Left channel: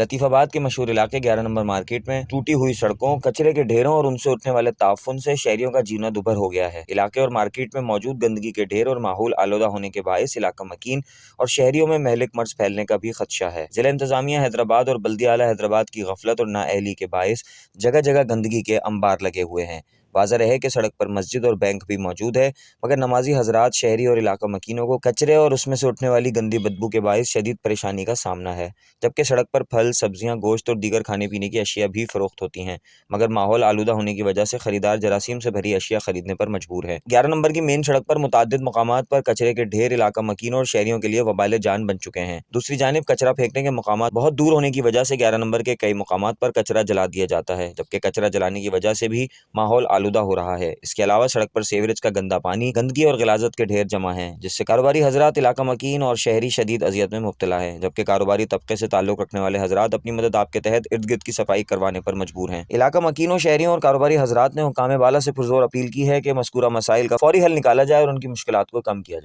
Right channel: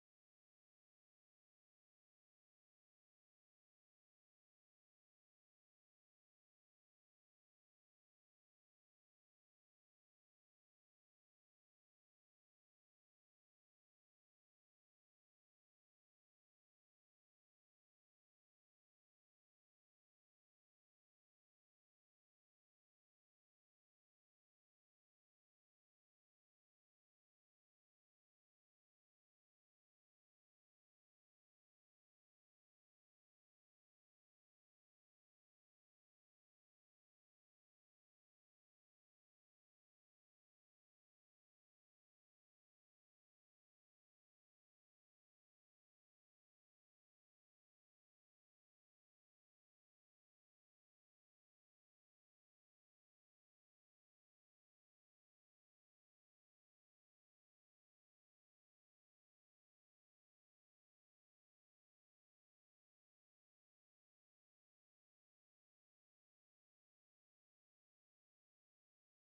लतीफ़ आबाद के मशहूर इलाके 11 नंबर मार्केट में टूटी हुई सड़कों, कचरे के ढेरों और उनसे उठने वाले ताफुन से शहरियों का जीना दुभर हो गया है। इलाके और मार्केट में मौजूद गंदगी के ढेर और माहौल आलूदा होने के बायस इलाका मकीन और शहरियों में महलिक मर्ज फैलने का भी खदशा है। जिला इंतजामिया हैदराबाद और बल्दिया आला हैदराबाद की गफलत और नाअहली के बायस जगह जगह गंदगी के अंबार लगे हुए हैं। वाज़ह है कि सड़क पर मस्जिद और बैंक भी मौजूद है, मगर नमाजी हजरात, शहरी और इलाका मकीनों को कचरे और उसमें से उठने वाली गंदी बदबू के बायस शदीद परेशानी का सामना है। जबकि सड़क पर फल, सब्जियां, गोश्त और दीगर खाने पीने की अशिया भी फरोख्त होती हैं, मगर माहौल आलूदा होने की वजह से खरीदार जरासीम से भरी अशिया खरीदने पर मजबूर है। 11 नंबर की मेन सड़क पर मुतादिद मकामात पर कचरे के ढेर इलाका मकीनों और शहरियों के लिए वबाल जान बन चुके हैं। दूसरी जानिब कचरा फेंकने के मकामात बहुत दूर होने की वजह से 11 नंबर के कई मकामात पर कचरा जला दिया जाता है, जबकि कचरा जलाने की वजह से भी माहौल आलूदा हो रहा है। इसके अलावा सड़क पर सीवरेज का गंदा पानी, गंदगी और गिलाजत के ढेर जमा हैं, जिससे कारोबारी हजरात, इलाका मकीन और शहरी शदीद अजियत में मुब्तला है। जबकि कारोबारी तबके से ताल्लुक रखने वाले हजरात अपनी मदद आपके तहत इर्द गिर्द की सफाई करवाने पर मजबूर हैं। इलाका मकीनों, शहरियों और कारोबारी हजरात ने हुकाम बाला से पुरजोर अपील की है कि मज़कूरा मसाइल का फौरी हल निकाला जाए और उनकी मुश्किलात को कम किया जाए।